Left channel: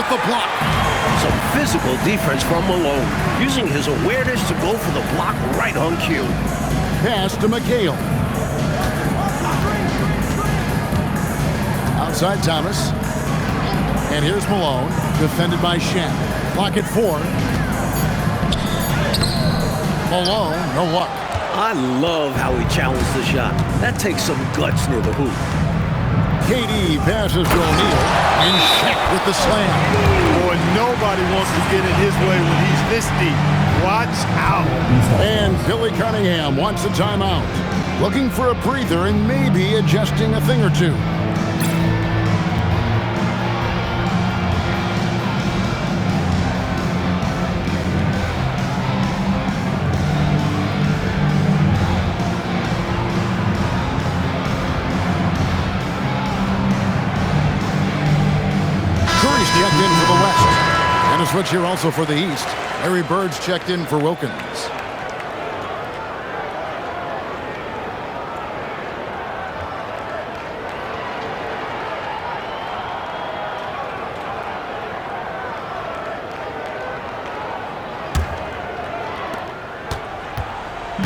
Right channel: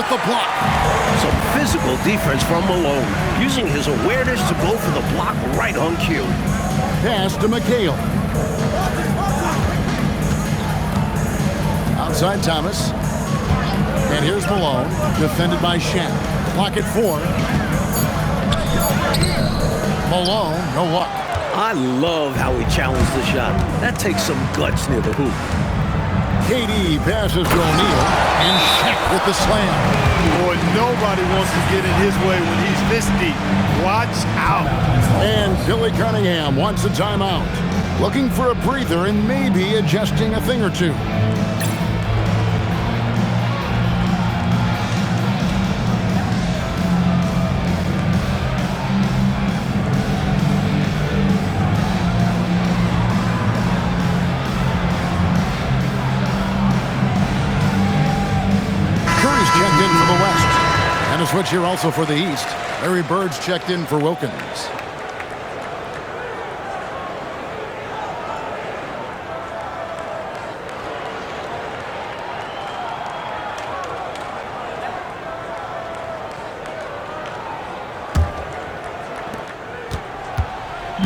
with the block. Some physical defense from Malone, using his awareness to go for the block right on cue. Pass to McHale. Outside Thomas. And here's Malone, defended by Shaq. Clock at 4. Malone, no luck. I love how he challenged the shot. That takes some guts near the hoop. KD passes to O'Neal, and Shaq with the slam. Boy, nobody wants to get in his way when he's this deep. Watch out. And Billy Cunningham wants a timeout. Looking for a breather and maybe adjusting a thing or two. Curry's checked in for the West. And a switch here also for the East. Larry Bird's checked in for Wilkins.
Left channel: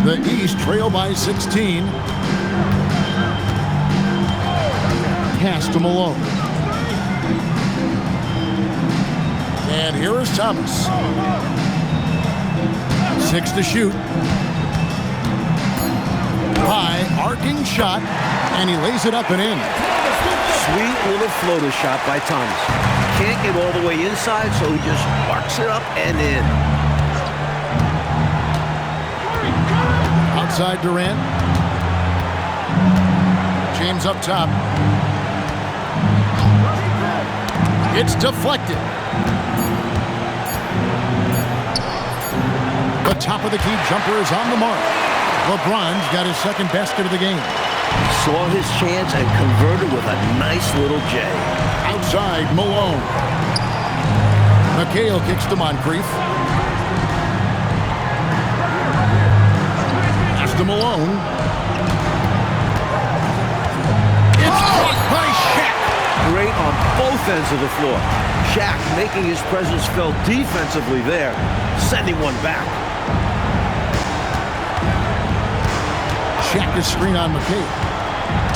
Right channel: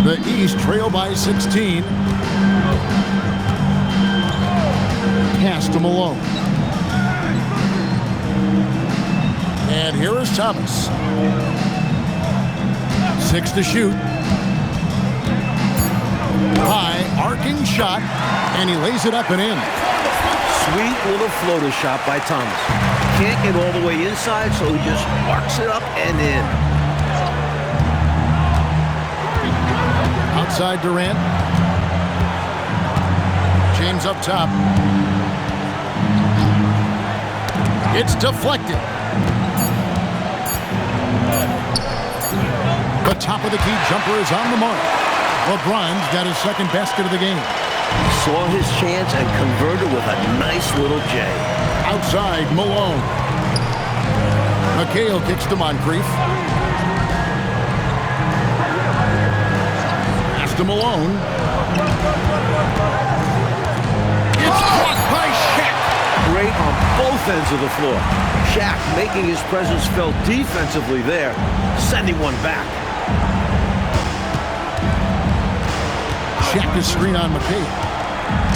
The East trail by 16. Pass to Malone. And here is Thomas. 6 to shoot. High, arcing shot, and he lays it up and in. Sweet little floater shot by Thomas. Can't get all the way inside, so he just arcs it up and in. Outside Durant. James up top. It's deflected. The top of the key jumper is on the mark. LeBron's got his second basket of the game. He saw his chance and converted with a nice little J. Outside, Malone. McHale kicks to Moncrief. Pass to Malone. It's blocked by Shaq. Great on both ends of the floor. Shaq making his presence felt defensively there, sending one back. Shaq is screen on McHale.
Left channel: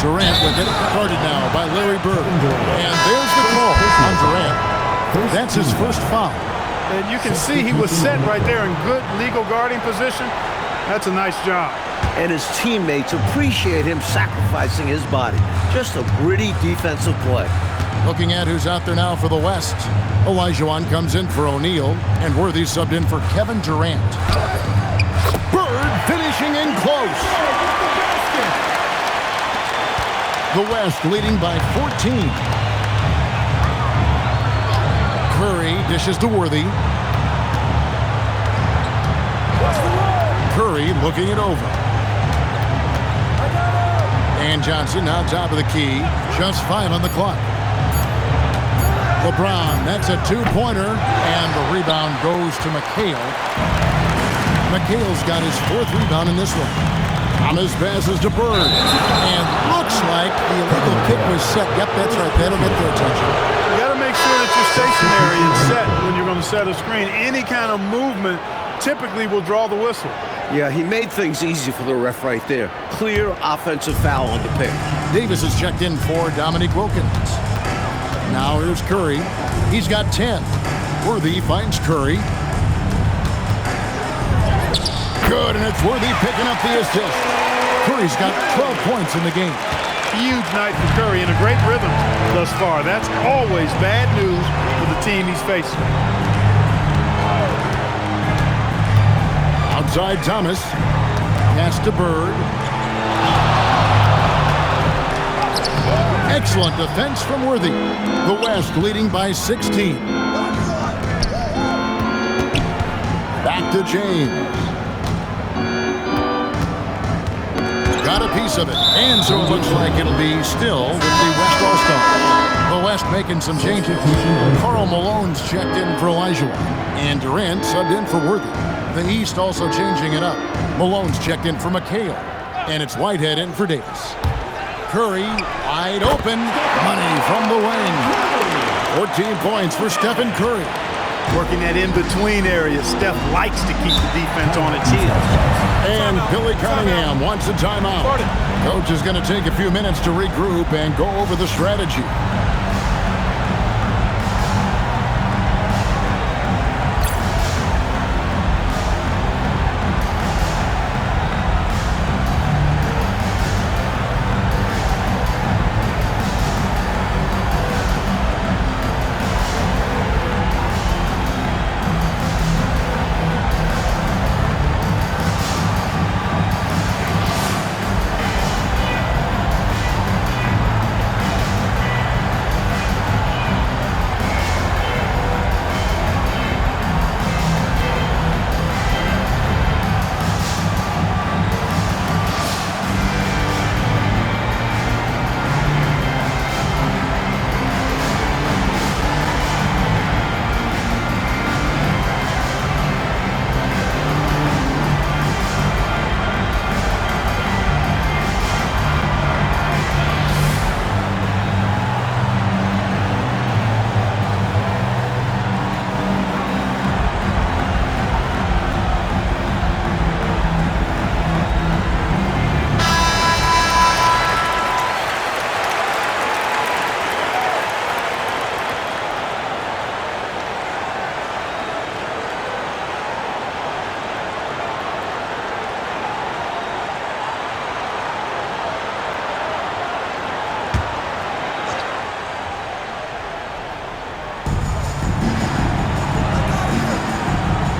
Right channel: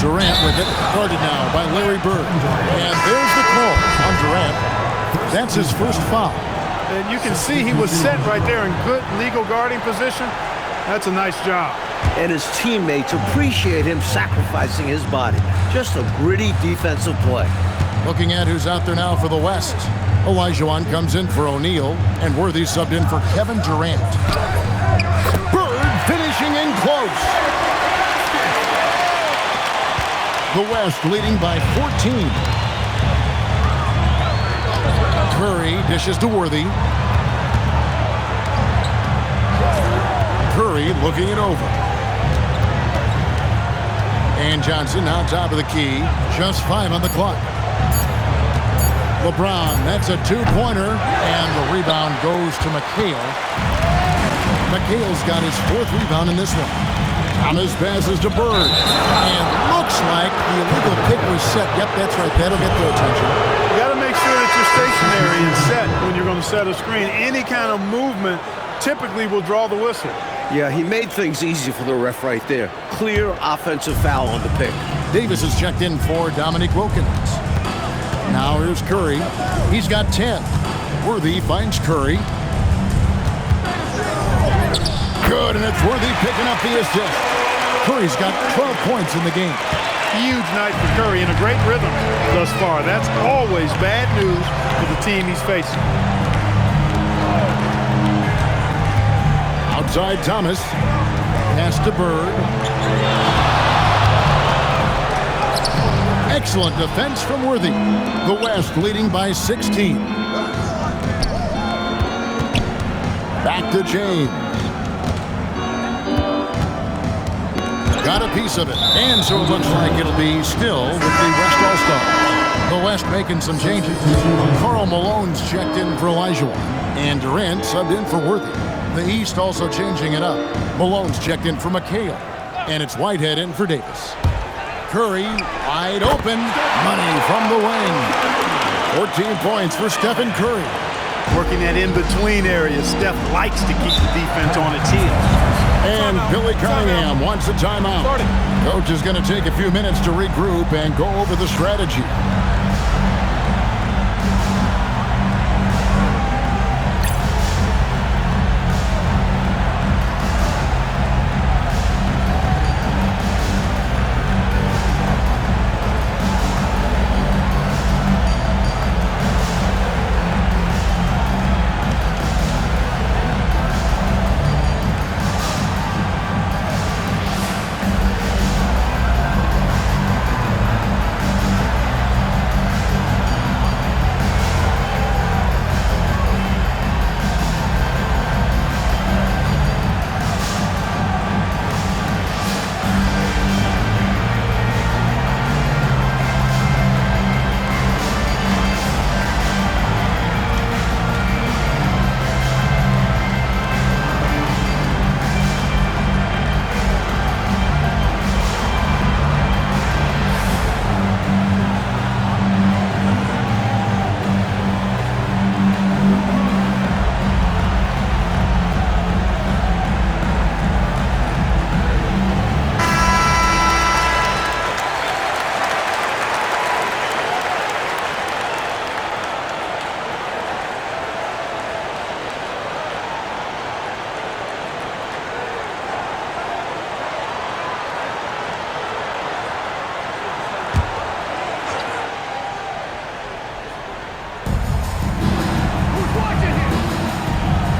Durant with it, guarded now by Larry Bird. And there's the call on Durant. That's his first foul. And you can see he was set right there in good legal guarding position. That's a nice job. And his teammates appreciate him sacrificing his body. Just a gritty defensive play. Looking at who's out there now for the West. Olajuwon comes in for O'Neal, and Worthy subbed in for Kevin Durant. Bird finishing in close. The West leading by 14. Curry dishes to Worthy. Curry looking it over. And Johnson now top of the key. Just 5 on the clock. LeBron, that's a 2-pointer. And the rebound goes to McHale. McHale's got his 4th rebound in this one. Thomas passes to Bird. And looks like the illegal kick was set. Yep, that's right. That'll get their attention. You got to make sure that you're stationary and set when you're going to set a screen. Any kind of movement typically will draw the whistle. Yeah, he made things easy for the ref right there. Clear offensive foul on the pick. Davis is checked in for Dominique Wilkins. Now here's Curry. He's got 10. Worthy finds Curry. Good, and it's Worthy picking up the assist. Curry's got 12 points in the game. Huge night for Curry and a great rhythm thus far. That's always bad news for the team he's facing. Outside Thomas. Pass to Bird. Excellent defense from Worthy. The West leading by 16. Back to James. Got a piece of it. And so it looks like it'll be still with the West All-Stars. The West making some changes. Karl Malone's checked in for Olajuwon. And Durant subbed in for Worthy. The East also changing it up. Malone's checked in for McHale. And it's Whitehead in for Davis. Curry wide open. Money from the wing. 14 points for Stephen Curry. Working that in-between area, Steph likes to keep the defense on its heels. And Billy Cunningham wants a timeout. Coach is going to take a few minutes to regroup and go over the strategy.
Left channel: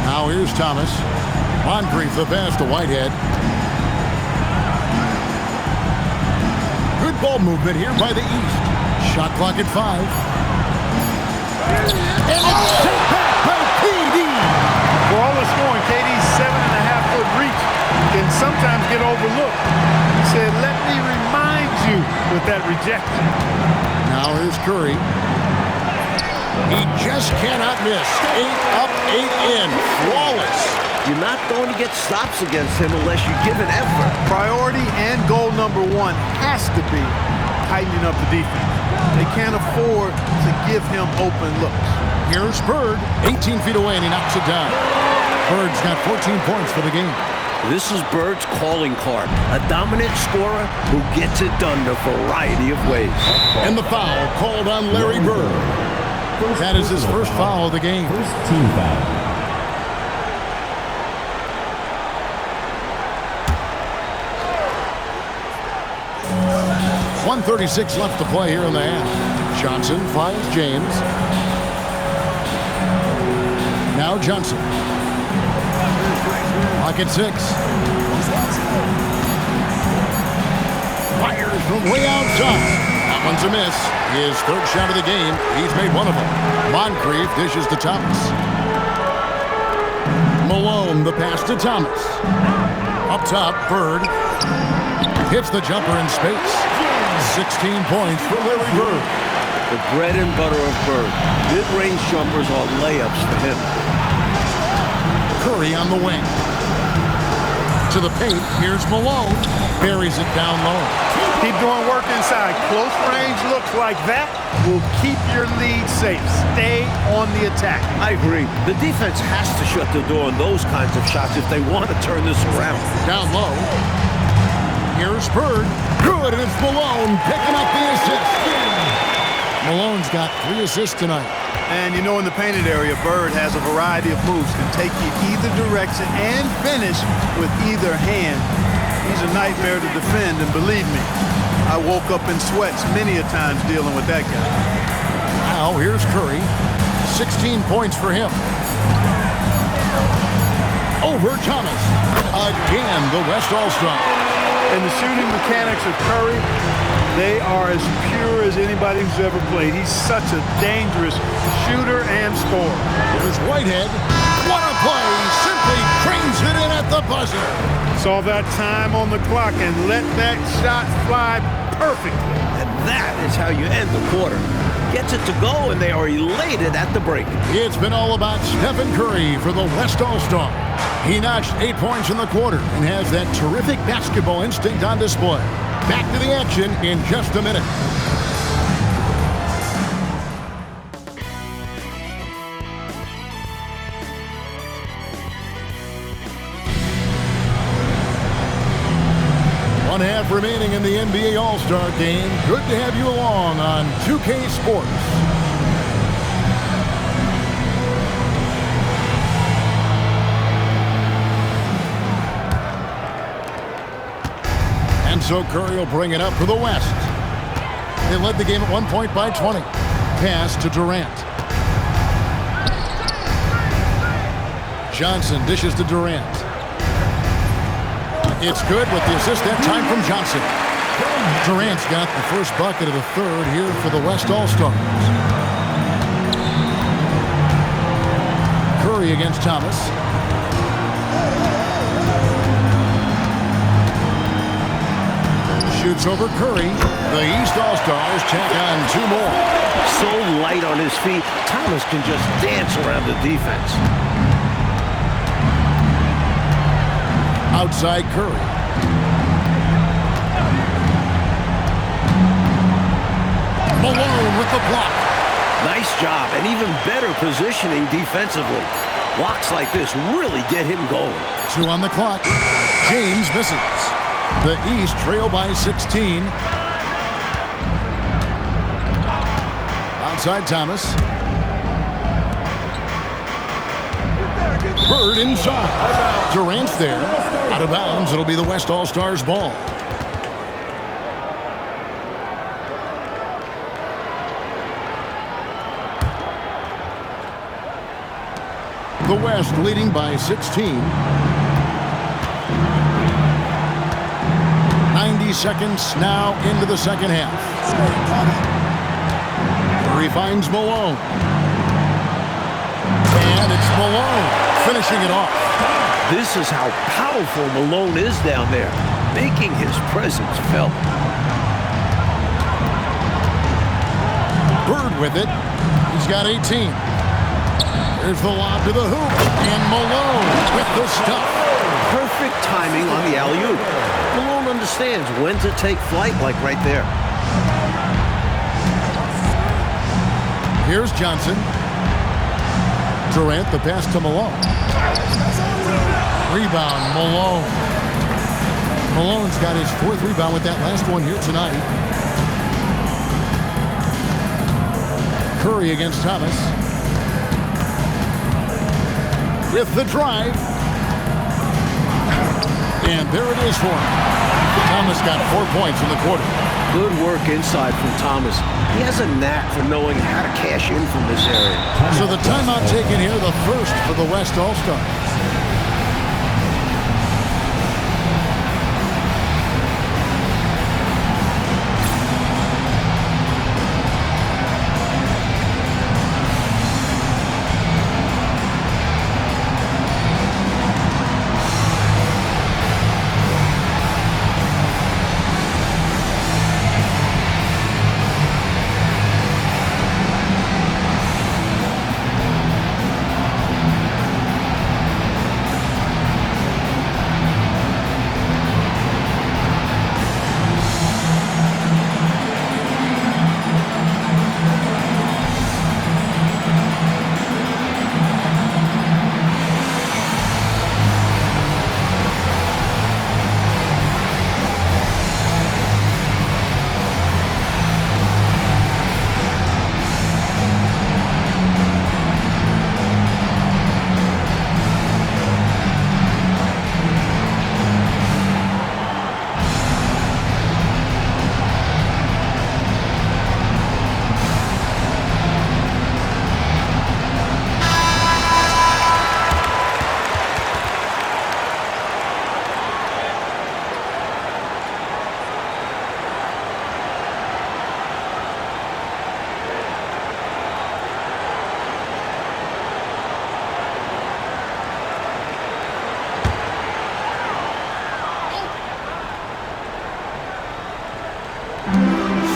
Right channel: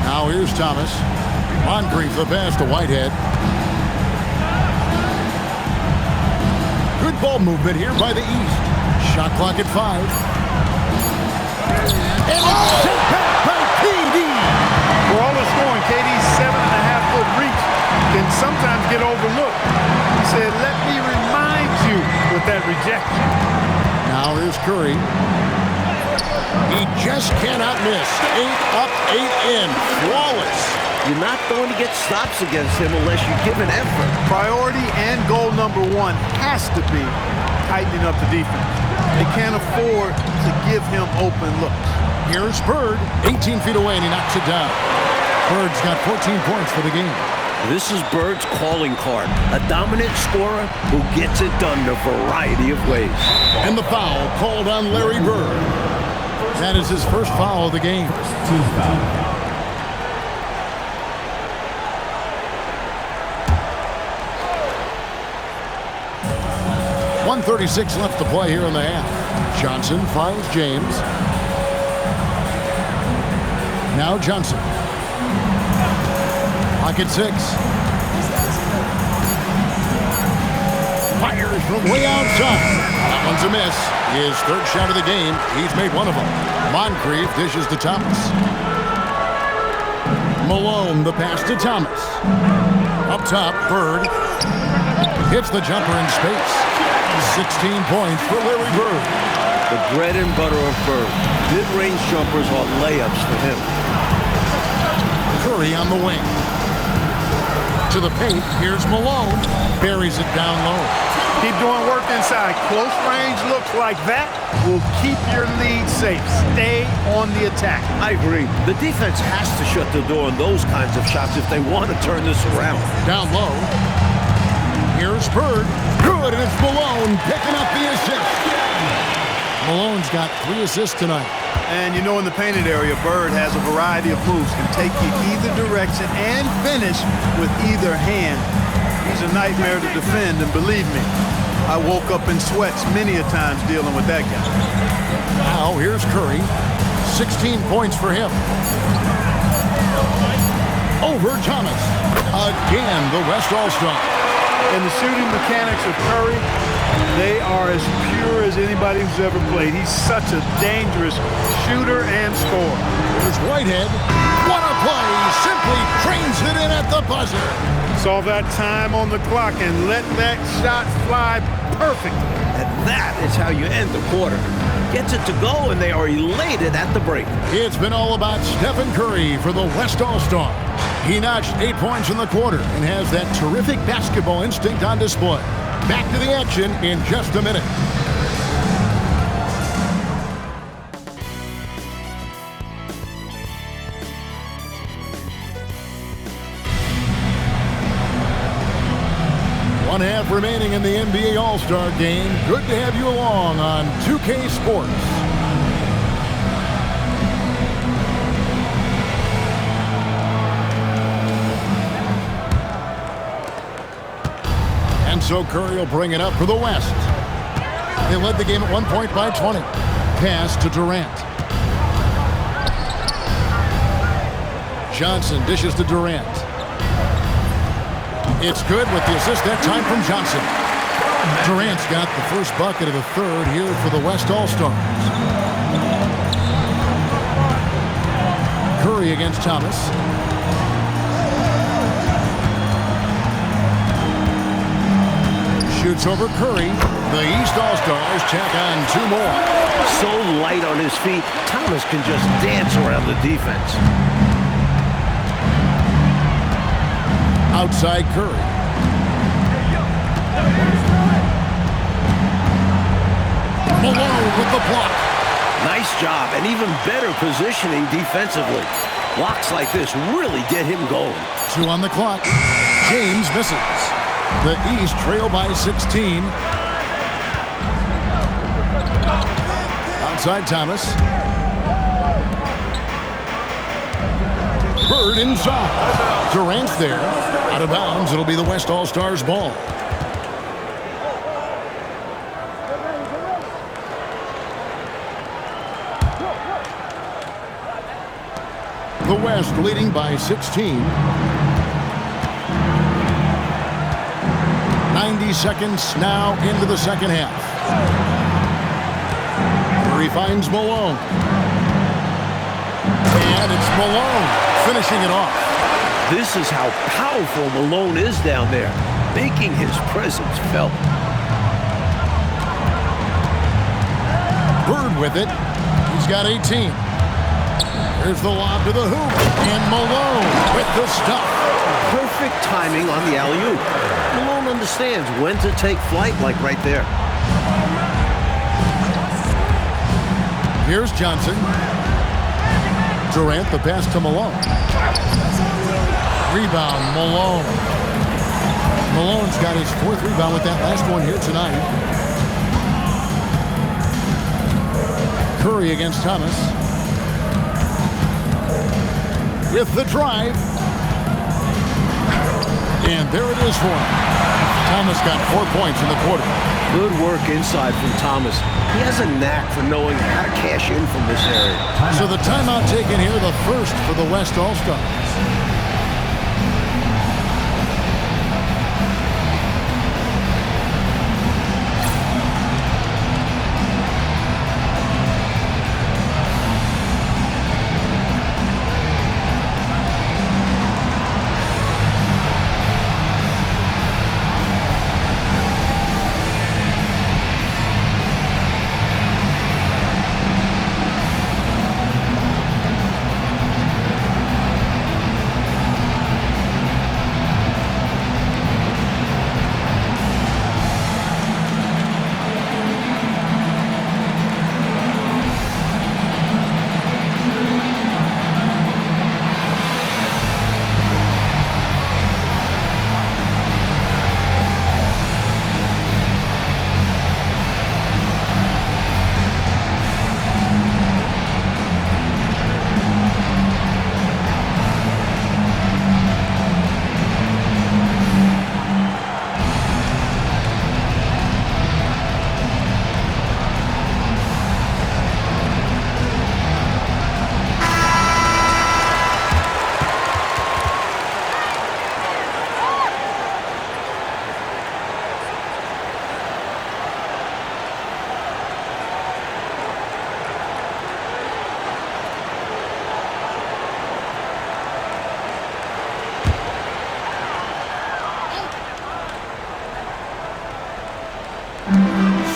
Now here's Thomas. Moncrief the pass to Whitehead. Good ball movement here by the East. Shot clock at 5. And it's sent back by KD. For all the scoring, KD's 7.5-foot reach can sometimes get overlooked. He said, "Let me remind you," with that rejection. Now here's Curry. He just cannot miss. 8 up, 8 in. Flawless. You're not going to get stops against him unless you give an effort. Priority and goal number one has to be tightening up the defense. They can't afford to give him open looks. Here's Bird. 18 feet away, and he knocks it down. Bird's got 14 points for the game. This is Bird's calling card. A dominant scorer who gets it done in a variety of ways. And the foul called on Larry Bird. That is his first foul of the game. First team foul. .136 left to play here in the half. Johnson finds James. Now Johnson. Clock at 6. Fires from way outside. That one's a miss. His third shot of the game. He's made one of them. Moncrief dishes to Thomas. Malone, the pass to Thomas. Up top, Bird. Hits the jumper in space. 16 points for Larry Bird. The bread and butter of Bird. Mid-range jumpers are layups for him. Curry on the wing. To the paint, here's Malone. Buries it down low. Keep doing work inside. Close range looks like that will keep your lead safe. Stay on the attack. I agree. The defense has to shut the door on those kinds of shots if they want to turn this around. Down low. Here's Bird. Good, and it's Malone picking up the assist. Malone's got 3 assists tonight. And you know, in the painted area, Bird has a variety of moves. Can take you either direction and finish with either hand. He's a nightmare to defend, and believe me, I woke up in sweats many a times dealing with that guy. Now here's Curry. 16 points for him. Over Thomas. Again, the West All-Star. And the shooting mechanics of Curry, they are as pure as anybody who's ever played. He's such a dangerous shooter and scorer. Here's Whitehead. What a play. Simply trains it in at the buzzer. Saw that time on the clock and let that shot fly perfectly. And that is how you end the quarter. Gets it to go, and they are elated at the break. It's been all about Stephen Curry for the West All-Stars. He notched 8 points in the quarter and has that terrific basketball instinct on display. Back to the action in just a minute. 1 half remaining in the NBA All-Star Game. Good to have you along on 2K Sports. And so Curry will bring it up for the West. They led the game at 1 point by 20. Pass to Durant. Johnson dishes to Durant. It's good with the assist that time from Johnson. Durant's got the first bucket of the third here for the West All-Stars. Curry against Thomas. Shoots over Curry. The East All-Stars tack on 2 more. So light on his feet, Thomas can just dance around the defense. Outside Curry. Malone with the block. Nice job, and even better positioning defensively. Blocks like this really get him going. 2 on the clock. James misses. The East trail by 16. Outside Thomas. Bird inside. Out of bounds. Durant's there. Out of bounds. It'll be the West All-Stars ball. The West leading by 16. 90 seconds now into the second half. Curry finds Malone. And it's Malone finishing it off. This is how powerful Malone is down there, making his presence felt. Bird with it. He's got 18. Here's the lob to the hoop. And Malone with the stuff. Perfect timing on the alley-oop. Malone understands when to take flight, like right there. Here's Johnson. Durant, the pass to Malone. Rebound, Malone. Malone's got his 4th rebound with that last one here tonight. Curry against Thomas. With the drive. And there it is for him. Thomas got 4 points in the quarter. Good work inside from Thomas. He has a knack for knowing how to cash in from this area. So the timeout taken here, the first for the West All-Stars.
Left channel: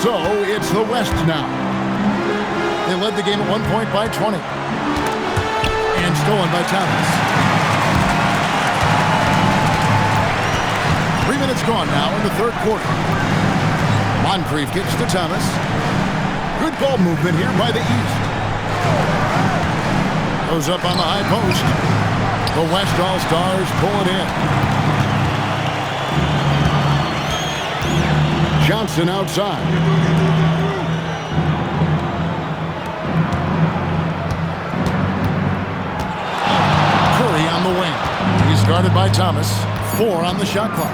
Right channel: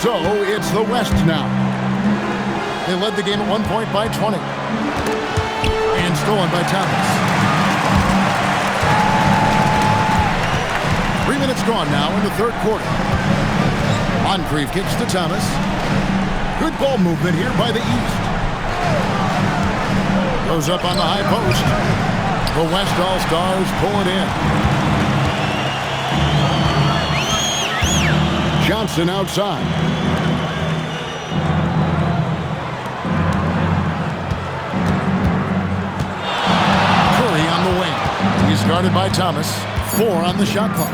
So it's the West now. They led the game at 1 point by 20. And stolen by Thomas. 3 minutes gone now in the third quarter. Moncrief kicks to Thomas. Good ball movement here by the East. Goes up on the high post. The West All-Stars pull it in. Johnson outside. Curry on the wing. He's guarded by Thomas. 4 on the shot clock.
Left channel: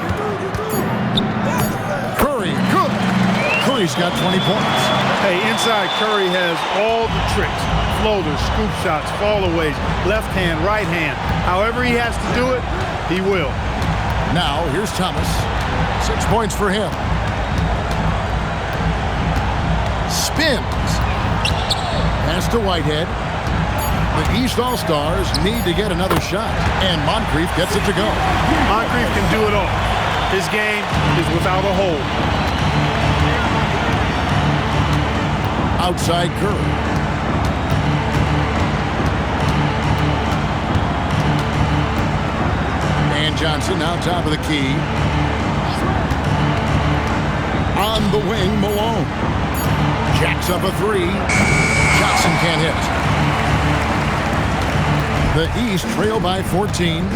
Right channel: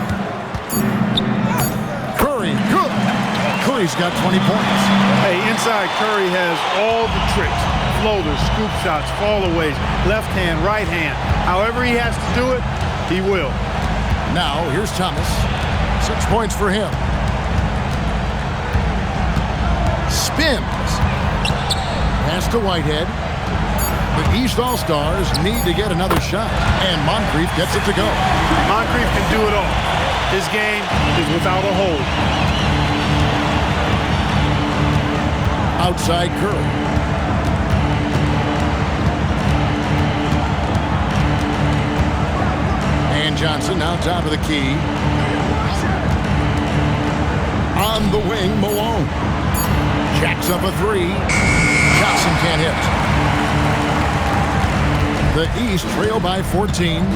Curry, good. Curry's got 20 points. Hey, inside Curry has all the tricks. Floaters, scoop shots, fallaways, left hand, right hand. However he has to do it, he will. Now, here's Thomas. 6 points for him. Spins. Pass to Whitehead. The East All-Stars need to get another shot, and Moncrief gets it to go. Moncrief can do it all. His game is without a hold. Outside Curry. And Johnson now top of the key. On the wing, Malone. Jacks up a 3. Johnson can't hit. The East trail by 14.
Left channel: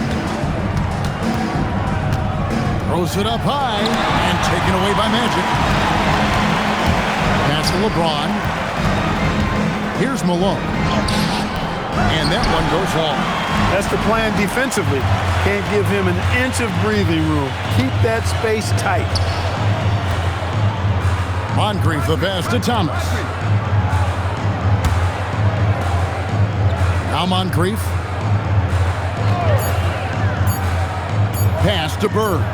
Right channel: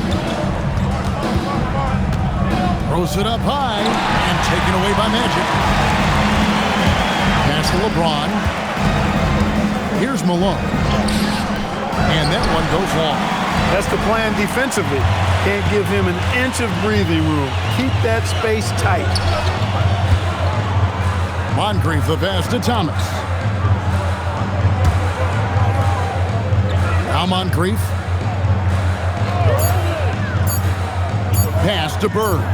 Throws it up high and taken away by Magic. Pass to LeBron. Here's Malone. And that one goes long. That's the plan defensively. Can't give him an inch of breathing room. Keep that space tight. Moncrief the pass to Thomas. Now Moncrief. Pass to Bird.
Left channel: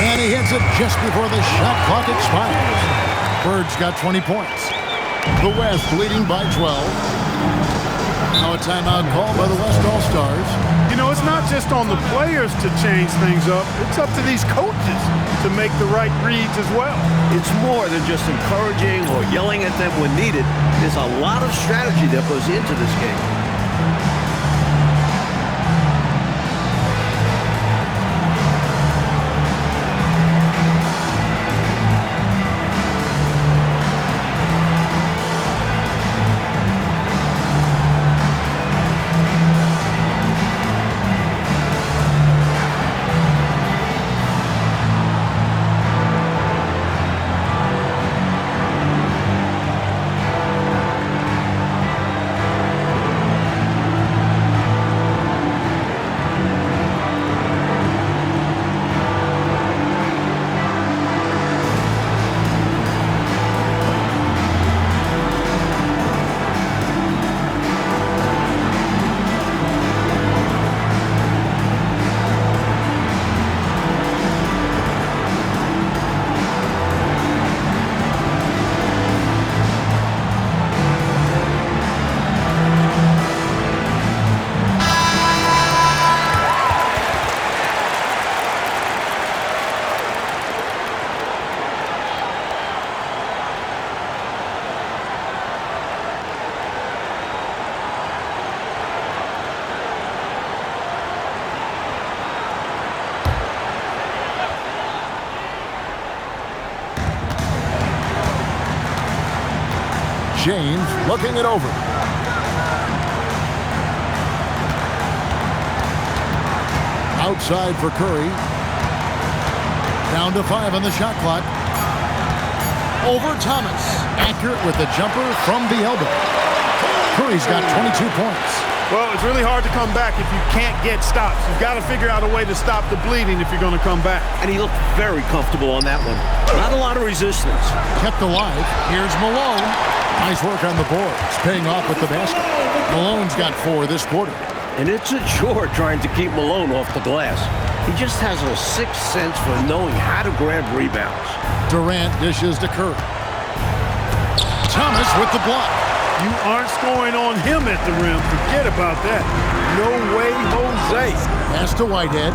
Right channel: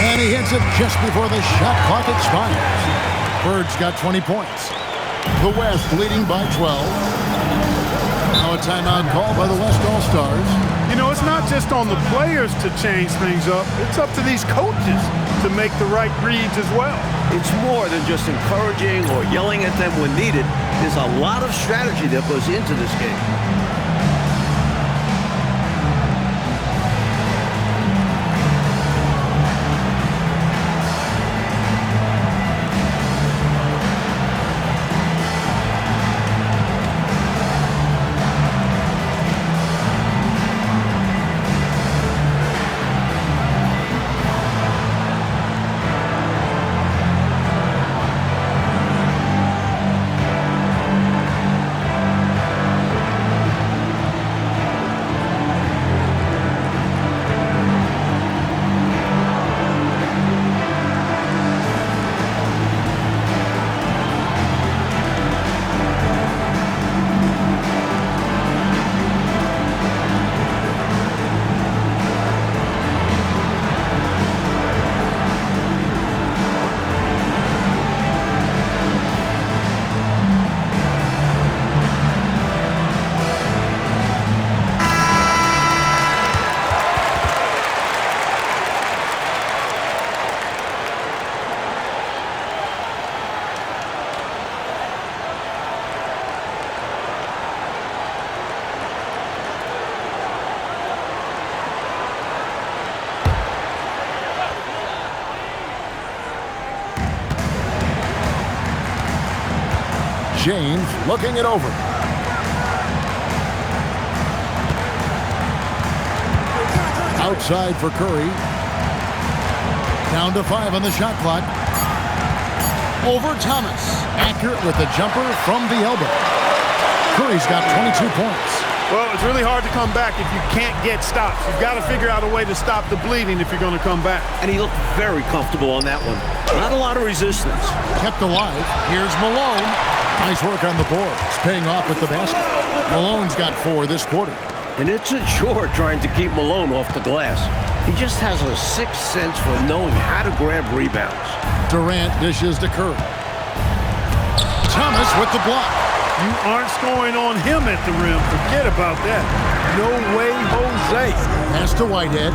And he hits it just before the shot clock expires. Bird's got 20 points. The West leading by 12. Now a timeout called by the West All-Stars. You know, it's not just on the players to change things up. It's up to these coaches to make the right reads as well. It's more than just encouraging or yelling at them when needed. There's a lot of strategy that goes into this game. James looking it over. Outside for Curry. Down to 5 on the shot clock. Over Thomas. Accurate with the jumper from the elbow. Curry's got 22 points. Well, it's really hard to come back if you can't get stops. You've got to figure out a way to stop the bleeding if you're going to come back. And he looked very comfortable on that one. Not a lot of resistance. Kept alive. Here's Malone. Nice work on the boards. Paying off with the basket. Malone's got 4 this quarter. And it's a chore trying to keep Malone off the glass. He just has a sixth sense for knowing how to grab rebounds. Durant dishes to Curry. Thomas with the block. You aren't scoring on him at the rim. Forget about that. No way, Jose. Pass to Whitehead.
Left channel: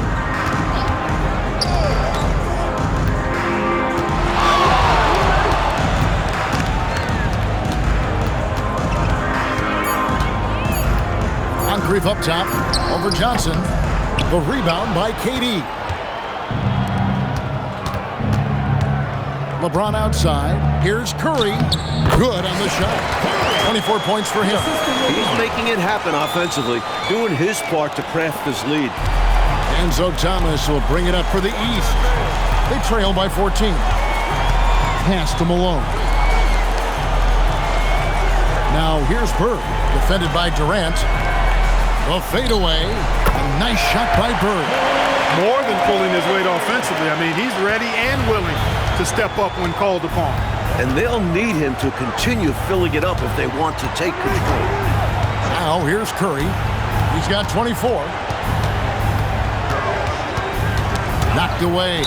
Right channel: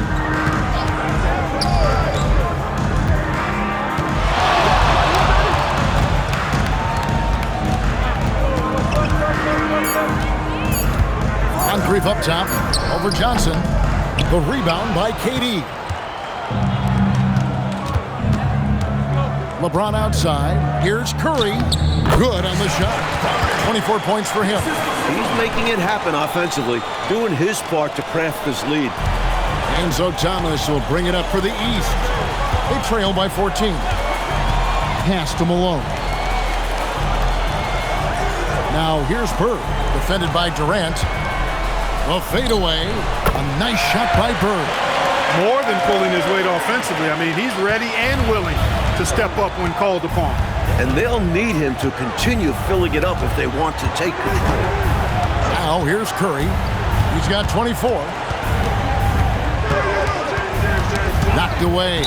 Moncrief up top. Over Johnson. The rebound by KD. LeBron outside. Here's Curry. Good on the shot. 24 points for him. He's making it happen offensively, doing his part to craft this lead. Enzo Thomas will bring it up for the East. They trail by 14. Pass to Malone. Now here's Bird, defended by Durant. The fadeaway. A nice shot by Bird. More than pulling his weight offensively. I mean, he's ready and willing to step up when called upon. And they'll need him to continue filling it up if they want to take control. Now here's Curry. He's got 24. Knocked away.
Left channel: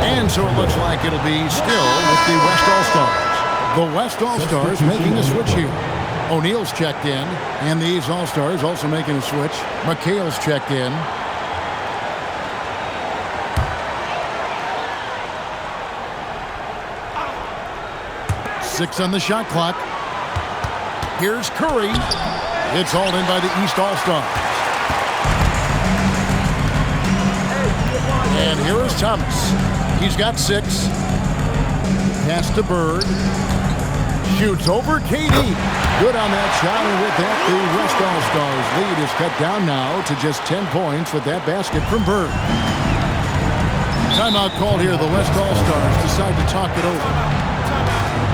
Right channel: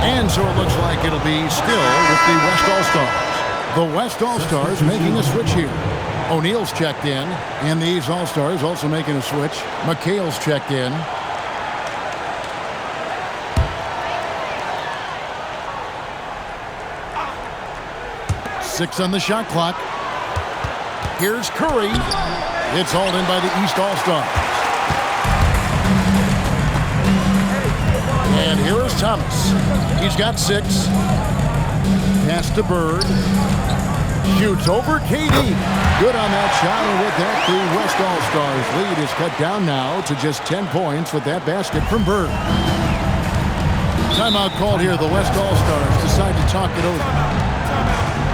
And so it looks like it'll be still with the West All-Stars. The West All-Stars making a switch here. O'Neal's checked in, and the East All-Stars also making a switch. McHale's checked in. Six on the shot clock. Here's Curry. It's hauled in by the East All-Stars. And here is Thomas. He's got 6. Pass to Bird. Shoots over KD. Good on that shot, and with that, the West All-Stars lead is cut down now to just 10 points with that basket from Bird. Timeout called here. The West All-Stars decide to talk it over. Timeout.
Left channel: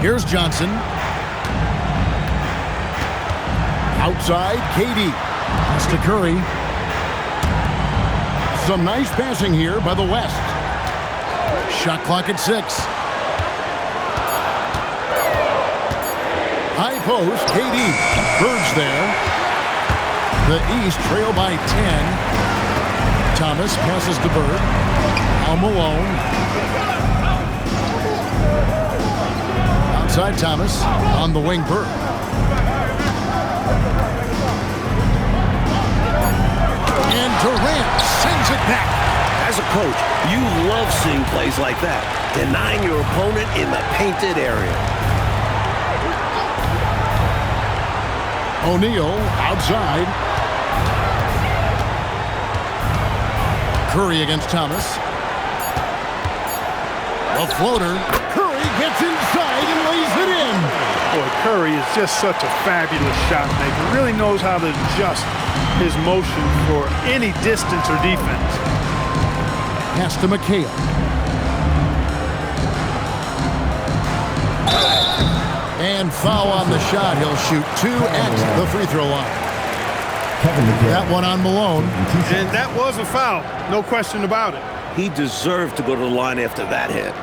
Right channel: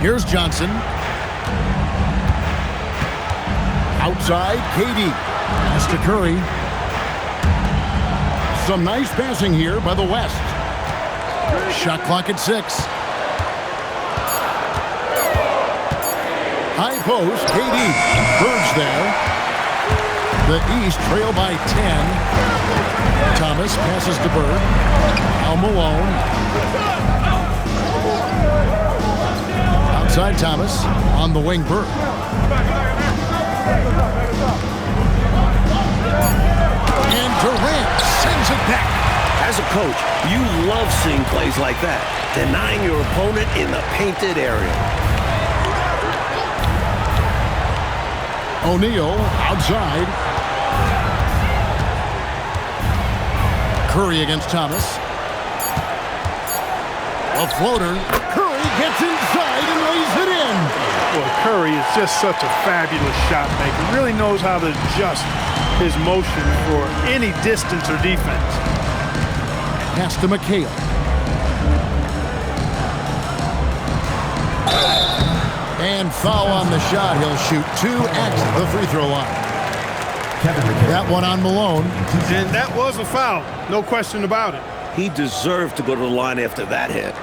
Here's Johnson. Outside, KD. Pass to Curry. Some nice passing here by the West. Shot clock at 6. High post, KD. Bird's there. The East trail by 10. Thomas passes to Bird. Al Malone. Outside Thomas, on the wing Bird. And Durant sends it back. As a coach, you love seeing plays like that, denying your opponent in the painted area. O'Neal outside. Curry against Thomas. A floater. Curry gets inside and lays it in. Boy, Curry is just such a fabulous shot maker. Really knows how to adjust his motion for any distance or defense. Pass to McHale. And foul on the shot. He'll shoot 2 at the free throw line. That one on Malone. And that was a foul. No question about it. He deserved to go to the line after that hit.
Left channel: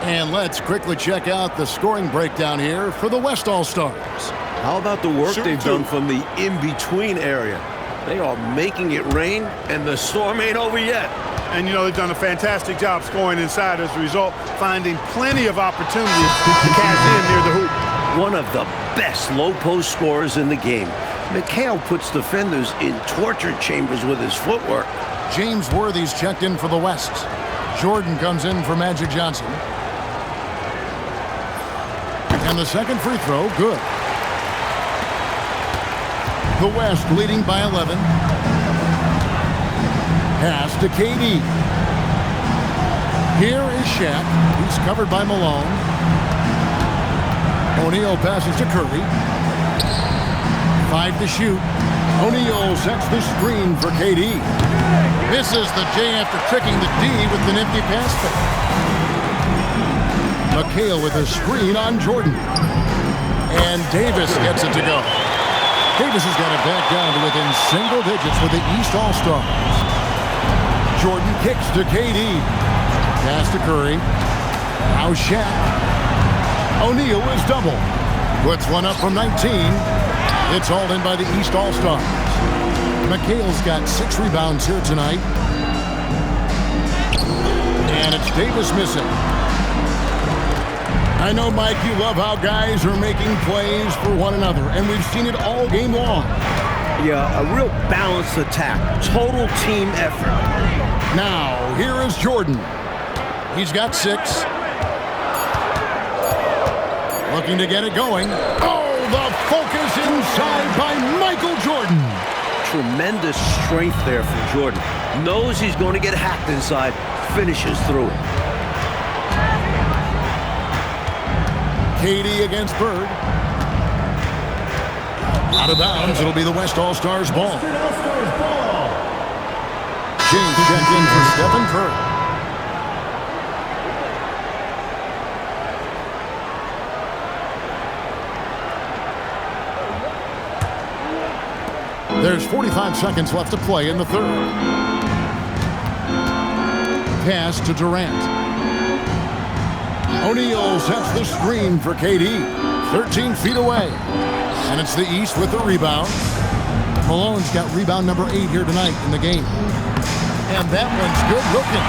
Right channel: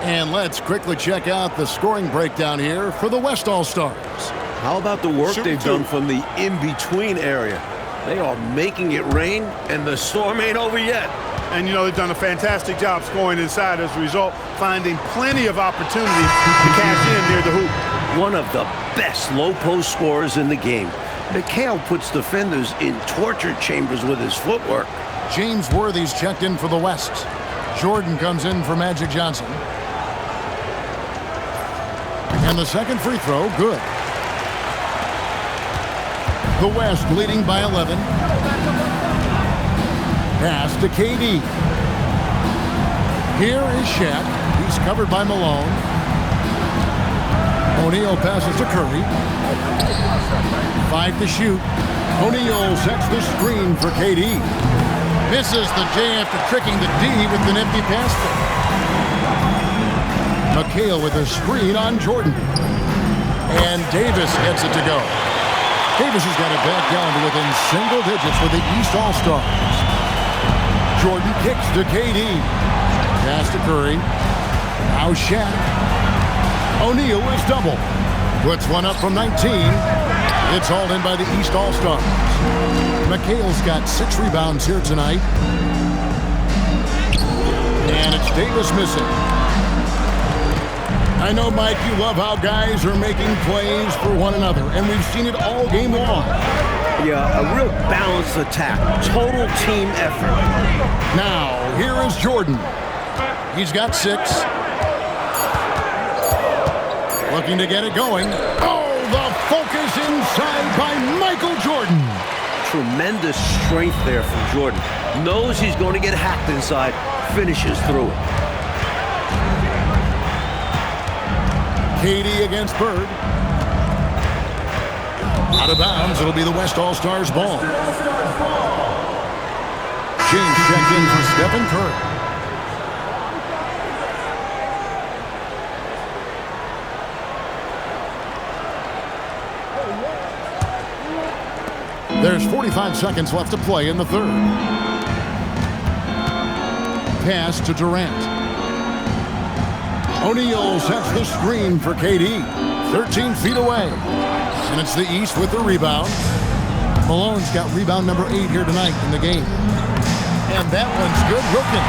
And let's quickly check out the scoring breakdown here for the West All-Stars. How about the work they've done from the in-between area? They are making it rain, and the storm ain't over yet. And, you know, they've done a fantastic job scoring inside as a result, finding plenty of opportunities to cash in near the hoop. One of the best low-post scorers in the game. McHale puts defenders in torture chambers with his footwork. James Worthy's checked in for the West. Jordan comes in for Magic Johnson. And the second free throw, good. The West leading by 11. Pass to KD. Here is Shaq. He's covered by Malone. O'Neal passes to Curry. 5 to shoot. O'Neal sets the screen for KD. Misses the J after tricking the D with the nifty pass fake. McHale with a screen on Jordan. And Davis gets it to go. Davis has got it back down to within single digits for the East All-Stars. Jordan kicks to KD. Pass to Curry. Now Shaq. O'Neal is double. Puts one up from 19. It's hauled in by the East All-Stars. McHale's got 6 rebounds here tonight. And it's Davis missing. I know, Mike, you love how guys are making plays for one another, and we've seen it all game long. Yeah, a real balanced attack. Total team effort. Now, here is Jordan. He's got 6. Looking to get it going. Oh, the focus inside by Michael Jordan. Tremendous strength there from Jordan. Knows he's going to get hacked inside. Finishes through it. KD against Bird. Out of bounds, it'll be the West All-Stars ball. James checked in for Stephen Curry. There's 45 seconds left to play in the third. Pass to Durant. O'Neal sets the screen for KD. 13 feet away. And it's the East with the rebound. Malone's got rebound number 8 here tonight in the game. And that one's good. Wilkins.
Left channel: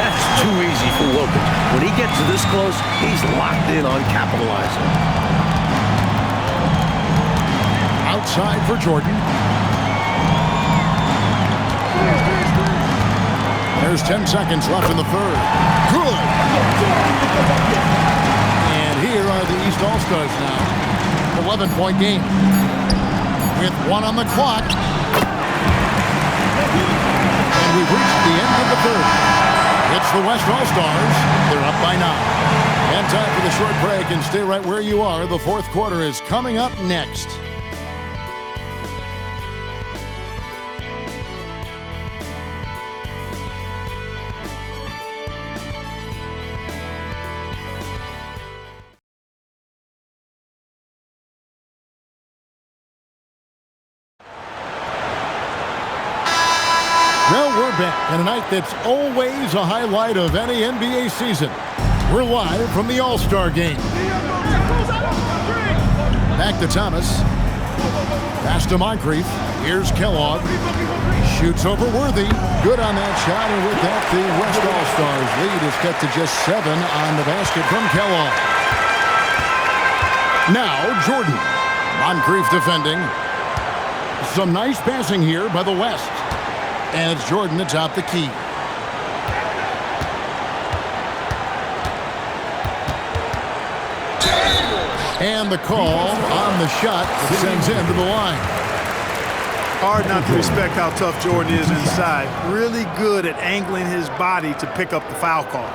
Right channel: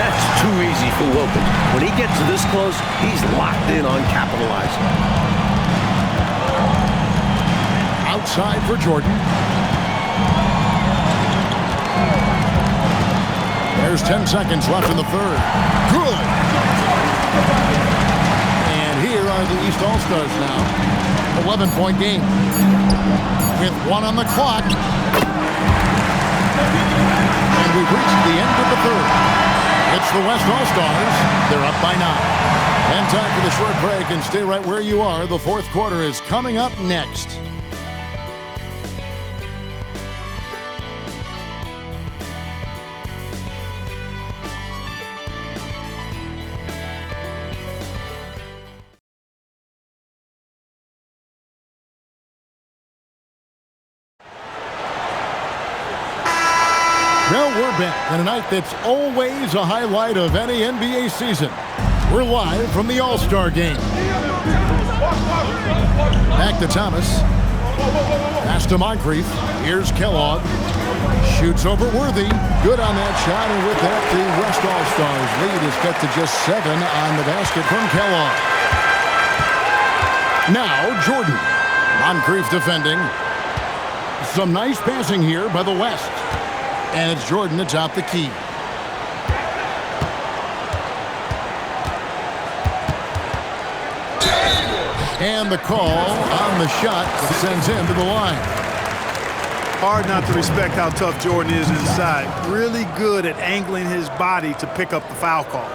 That's too easy for Wilkins. When he gets this close, he's locked in on capitalizing. Outside for Jordan. There's 10 seconds left in the third. Good. And here are the East All-Stars now. 11-point game. With 1 on the clock. And we've reached the end of the third. It's the West All-Stars. They're up by 9. And time for the short break, and stay right where you are. The fourth quarter is coming up next. Well, we're back on a night that's always a highlight of any NBA season. We're live from the All-Star Game. Back to Thomas. Pass to Moncrief. Here's Kellogg. Shoots over Worthy. Good on that shot, and with that, the West All-Stars lead is cut to just 7 on the basket from Kellogg. Now, Jordan. Moncrief defending. Some nice passing here by the West. And it's Jordan atop the key. And the call on the shot that sends him to the line. Hard not to respect how tough Jordan is inside. Really good at angling his body to pick up the foul call.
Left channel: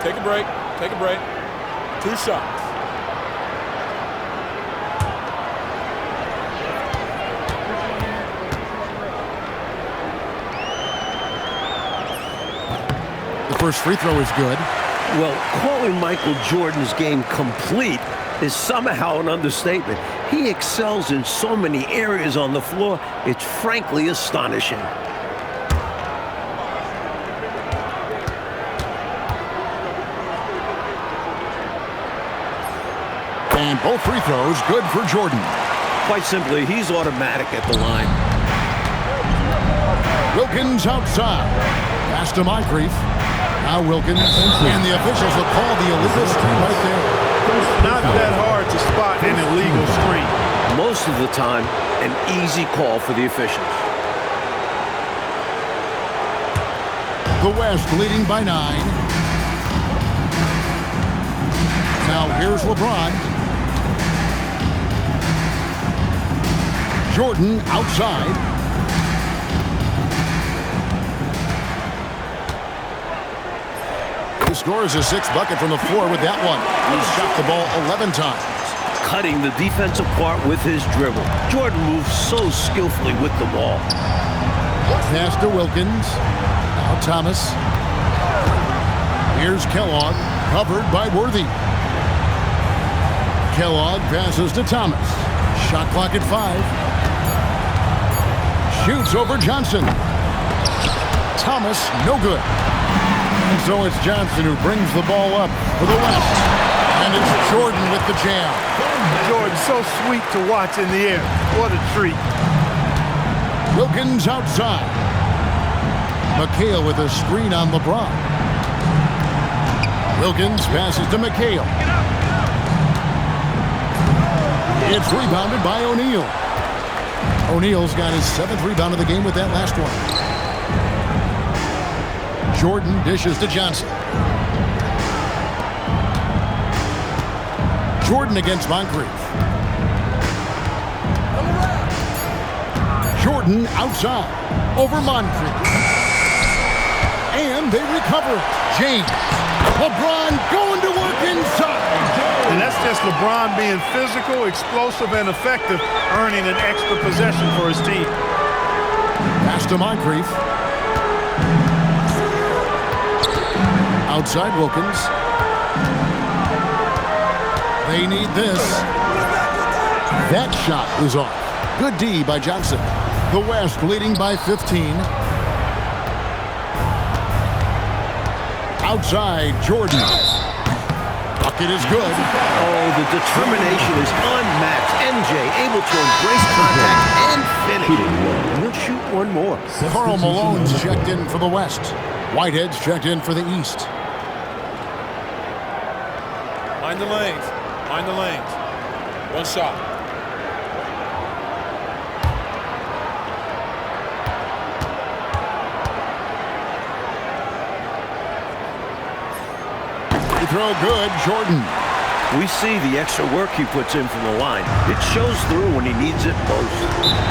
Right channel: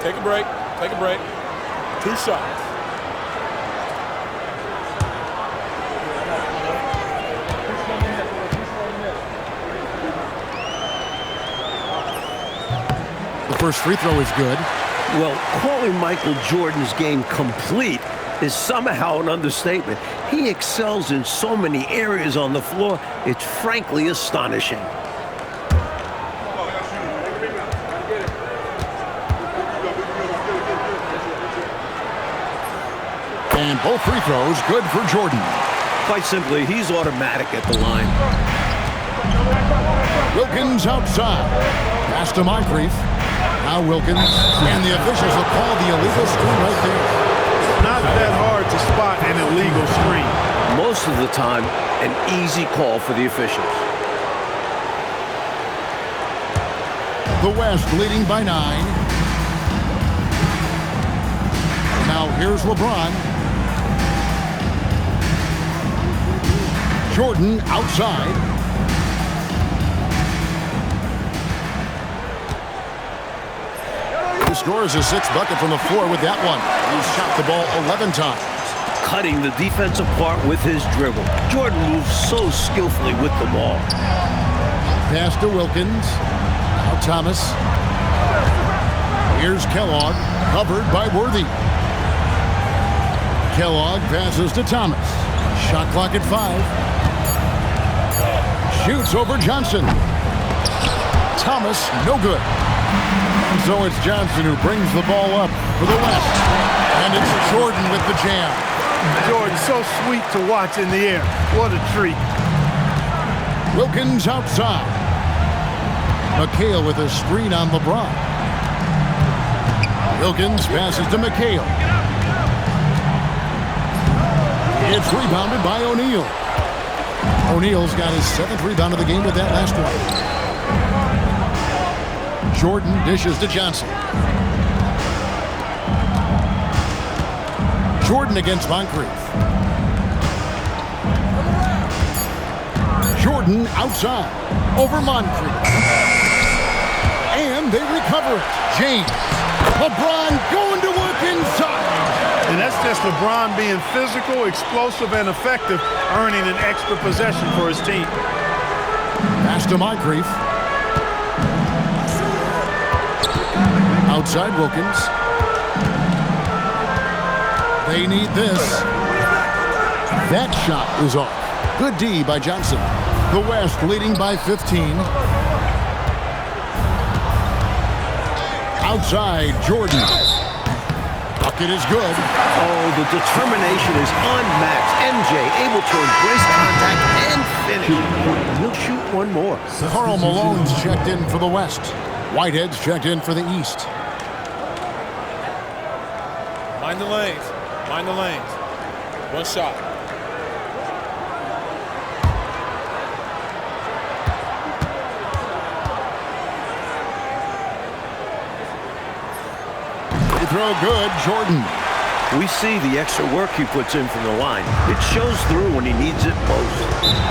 Take a break. Take a break. 2 shots. The first free throw is good. Well, calling Michael Jordan's game complete is somehow an understatement. He excels in so many areas on the floor, it's frankly astonishing. And both free throws good for Jordan. Quite simply, he's automatic at the line. Wilkins outside. Pass to Moncrief. Now Wilkins. And the officials will call the illegal screen right there. Not that hard to spot an illegal screen. Most of the time, an easy call for the officials. The West leading by 9. Now here's LeBron. Jordan outside. scores his 6th bucket from the floor with that one. He's shot the ball 11 times. Cutting the defense apart with his dribble. Jordan moves so skillfully with the ball. Pass to Wilkins. Now Thomas. Here's Kellogg, covered by Worthy. Kellogg passes to Thomas. Shot clock at 5. Shoots over Johnson. Thomas, no good. And so it's Johnson who brings the ball up for the West. And it's Jordan with the jam. Jordan, so sweet to watch in the air. What a treat. Wilkins outside. McHale with a screen on LeBron. Wilkins passes to McHale. It's rebounded by O'Neal. O'Neal's got his 7th rebound of the game with that last one. Jordan dishes to Johnson. Jordan against Moncrief. Jordan outside over Moncrief. And they recover it. James. LeBron going to work inside. And that's just LeBron being physical, explosive, and effective, earning an extra possession for his team. Pass to Moncrief. Outside Wilkins. They need this. That shot is off. Good D by Johnson. The West leading by 15. Outside Jordan. Bucket is good. Oh, the determination is unmatched. MJ able to embrace contact and finish. And he'll shoot one more. Karl Malone's checked in for the West. Whitehead's checked in for the East. Mind the lanes. Mind the lanes. One shot. Free throw good, Jordan. We see the extra work he puts in from the line. It shows through when he needs it most.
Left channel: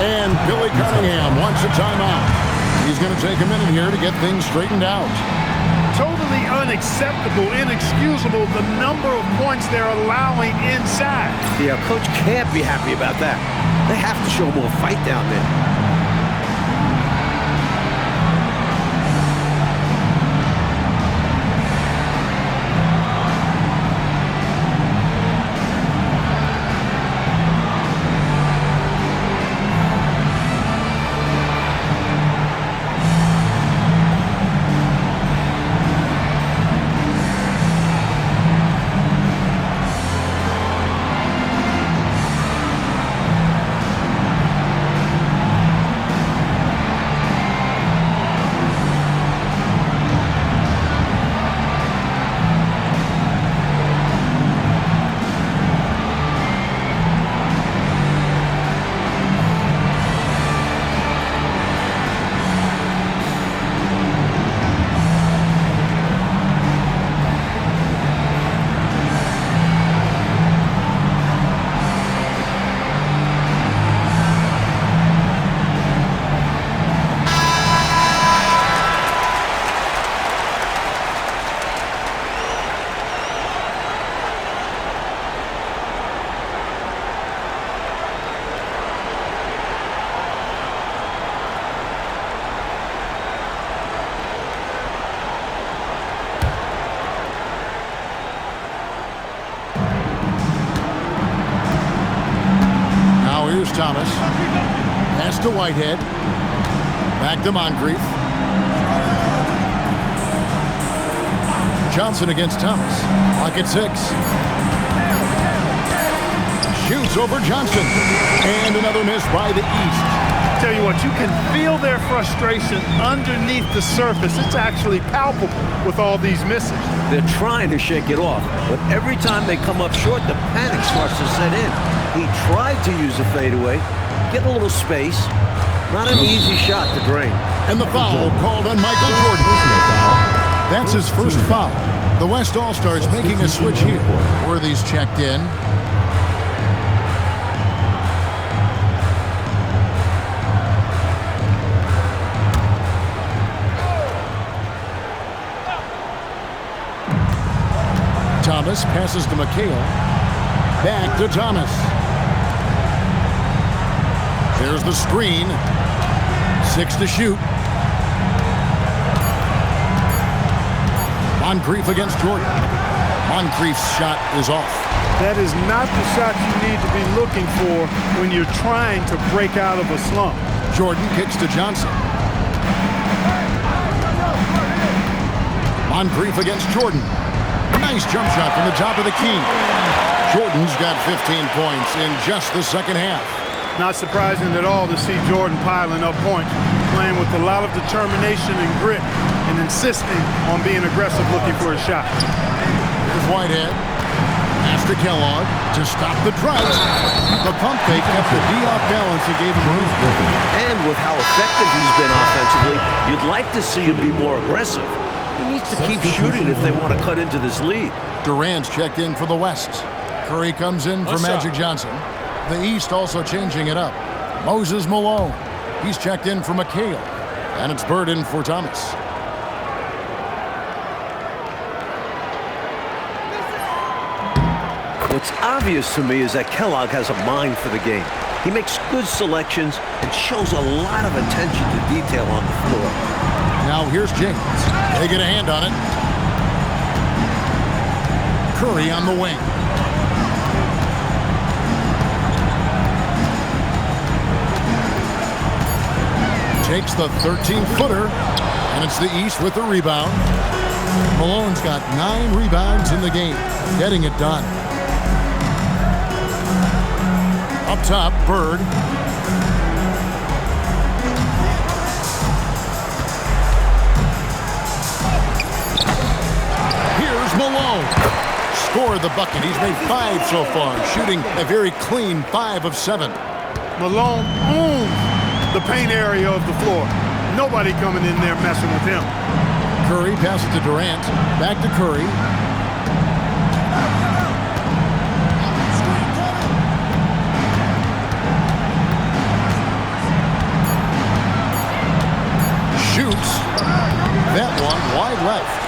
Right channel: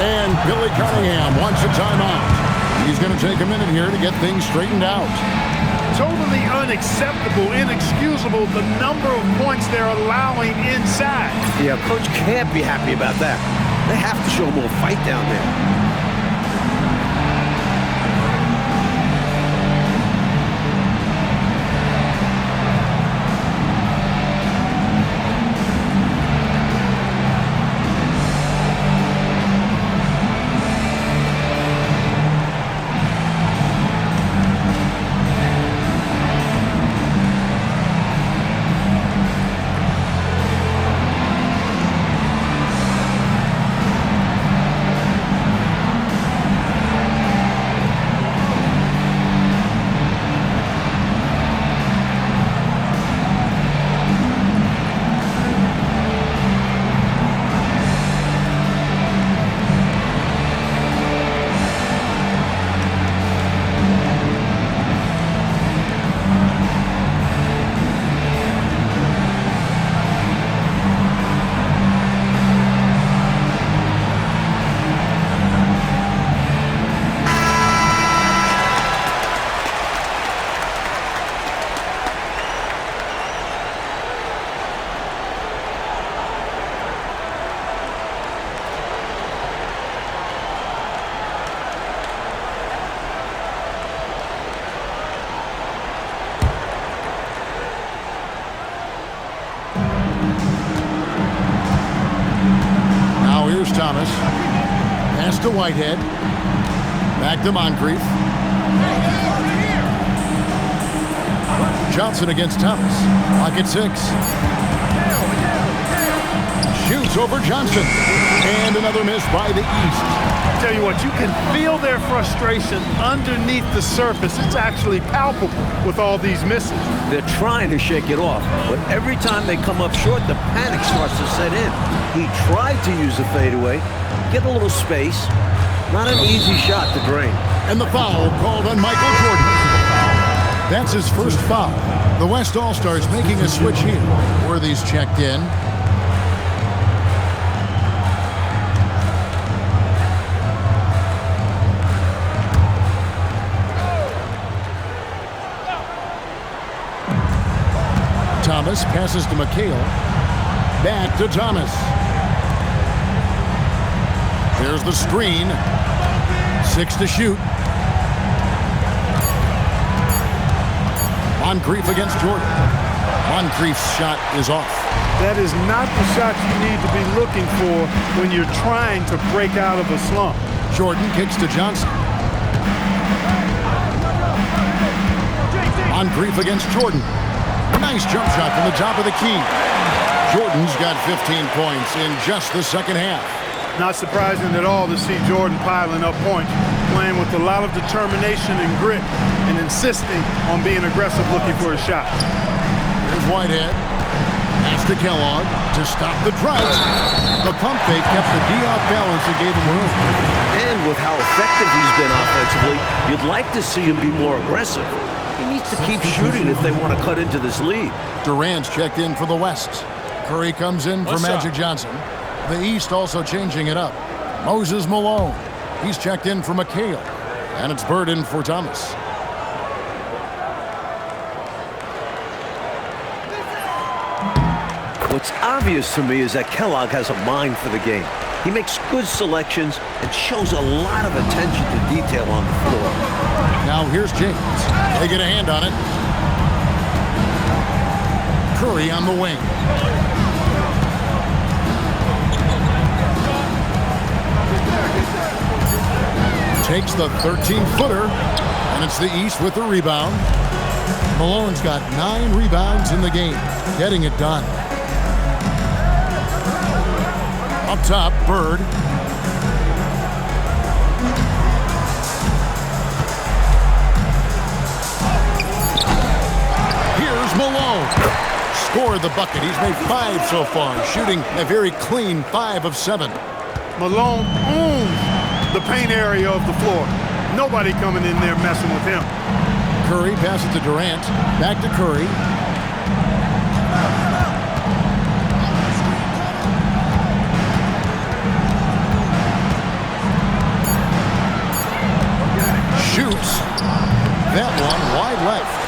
And Billy Cunningham wants a timeout. He's going to take a minute here to get things straightened out. Totally unacceptable, inexcusable, the number of points they're allowing inside. Yeah, coach can't be happy about that. They have to show more fight down there. Here's Thomas. Pass to Whitehead. Back to Moncrief. Johnson against Thomas. Clock at 6. Shoots over Johnson. And another miss by the East. Tell you what, you can feel their frustration underneath the surface. It's actually palpable with all these misses. They're trying to shake it off, but every time they come up short, the panic starts to set in. He tried to use a fadeaway, get a little space. Not an easy shot to drain. And the foul called on Michael Jordan. That's his first foul. The West All-Stars making a switch here. Worthy's checked in. Thomas passes to McHale. Back to Thomas. There's the screen. 6 to shoot. Moncrief against Jordan. Moncrief's shot is off. That is not the shot you need to be looking for when you're trying to break out of a slump. Jordan kicks to Johnson. Moncrief against Jordan. Nice jump shot from the top of the key. Jordan's got 15 points in just the second half. Not surprising at all to see Jordan piling up points, playing with a lot of determination and grit, and insisting on being aggressive looking for a shot. Here's Whitehead. Pass to Kellogg to stop the drought. The pump fake kept the D off balance and gave him room. And with how effective he's been offensively, you'd like to see him be more aggressive. He needs to keep shooting if they want to cut into this lead. Durant's checked in for the West. Curry comes in for Magic Johnson. The East also changing it up. Moses Malone. He's checked in for McHale. And it's Bird in for Thomas. What's obvious to me is that Kellogg has a mind for the game. He makes good selections and shows a lot of attention to detail on the floor. Now here's James. They get a hand on it. Curry on the wing. Takes the 13-footer, and it's the East with the rebound. Malone's got 9 rebounds in the game, getting it done. Up top, Bird. Here's Malone. Scored the bucket. He's made 5 so far, shooting a very clean 5 of 7. Malone owns the paint area of the floor. Nobody coming in there messing with him. Curry passes to Durant. Back to Curry. Shoots. That one wide left.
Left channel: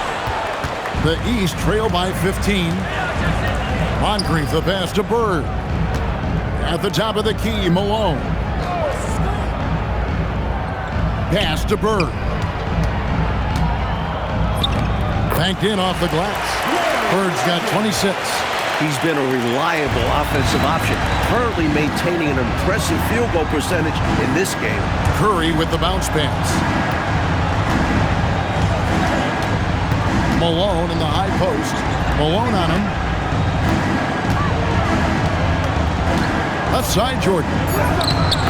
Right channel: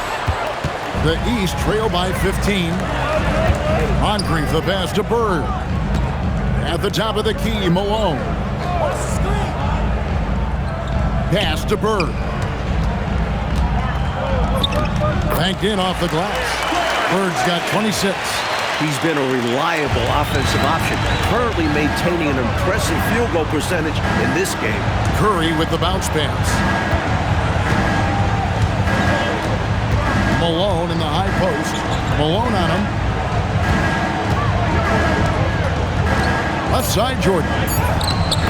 The East trail by 15. Moncrief the pass to Bird. At the top of the key, Malone. Pass to Bird. Banked in off the glass. Bird's got 26. He's been a reliable offensive option, currently maintaining an impressive field goal percentage in this game. Curry with the bounce pass. Malone in the high post. Malone on him. Left side, Jordan.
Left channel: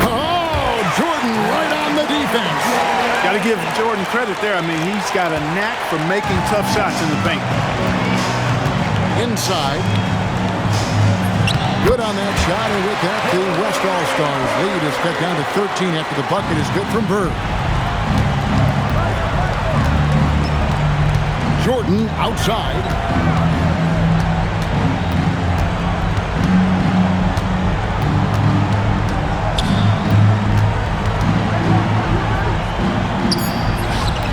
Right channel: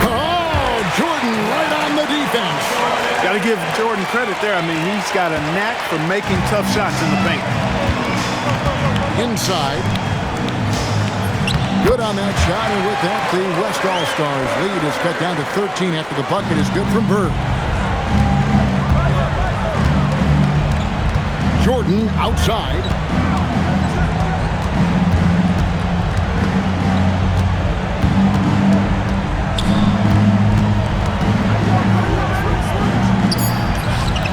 Oh, Jordan right on the defense. Got to give Jordan credit there. I mean, he's got a knack for making tough shots in the paint. Inside. Good on that shot, and with that, the West All-Stars lead is cut down to 13 after the bucket is good from Bird. Jordan outside.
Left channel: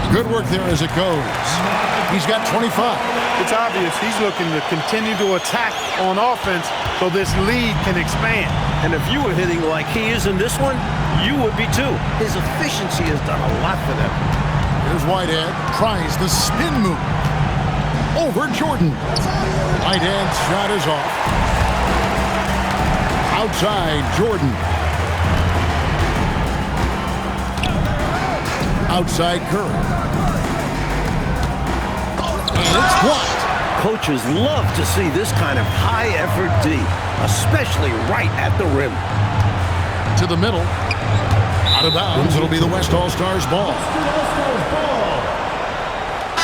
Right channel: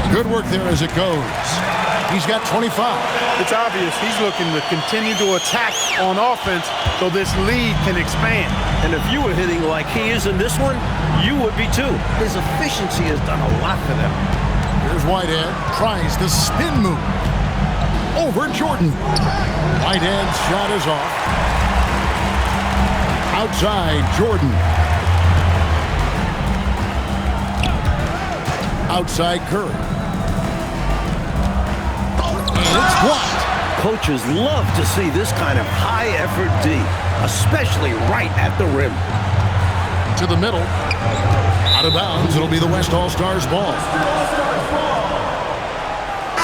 Good work there as it goes. He's got 25. It's obvious he's looking to continue to attack on offense so this lead can expand. And if you were hitting like he is in this one, you would be too. His efficiency has done a lot for them. Here's Whitehead. Tries the spin move. Over Jordan. Whitehead's shot is off. Outside, Jordan. Outside, Curry. And it's blocked. Coaches love to see this kind of high-effort D, especially right at the rim. To the middle. Out of bounds. It'll be the West All-Stars ball.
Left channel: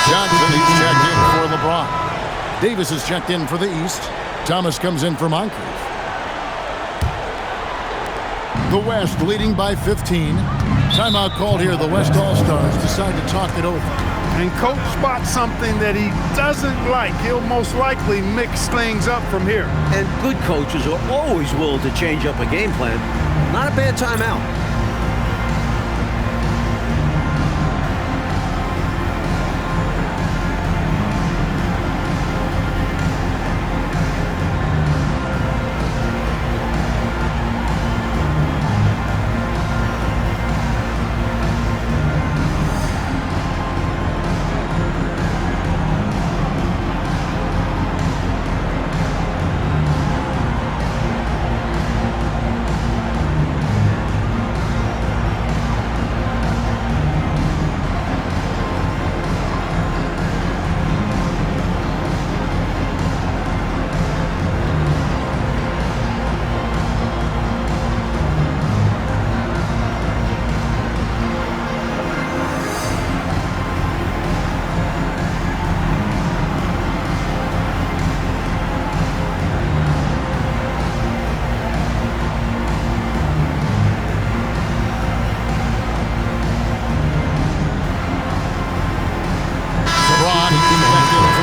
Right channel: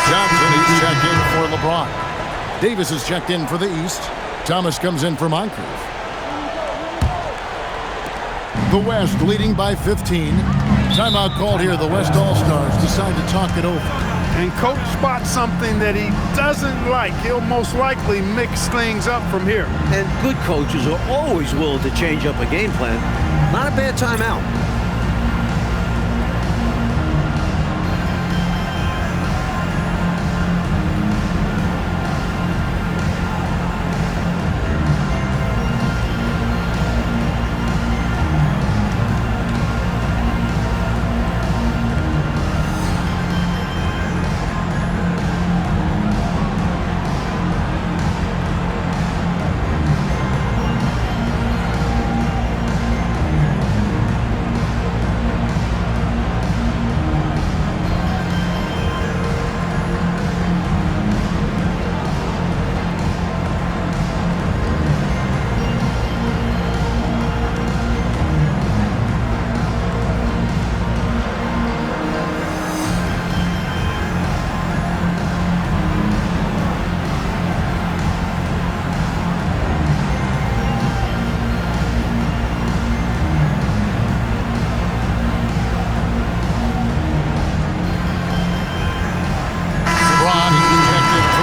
Johnson, he's checked in for LeBron. Davis is checked in for the East. Thomas comes in for Moncrief. The West leading by 15. Timeout called here. The West All-Stars decide to talk it over. And coach spots something that he doesn't like. He'll most likely mix things up from here. And good coaches are always willing to change up a game plan. Not a bad timeout.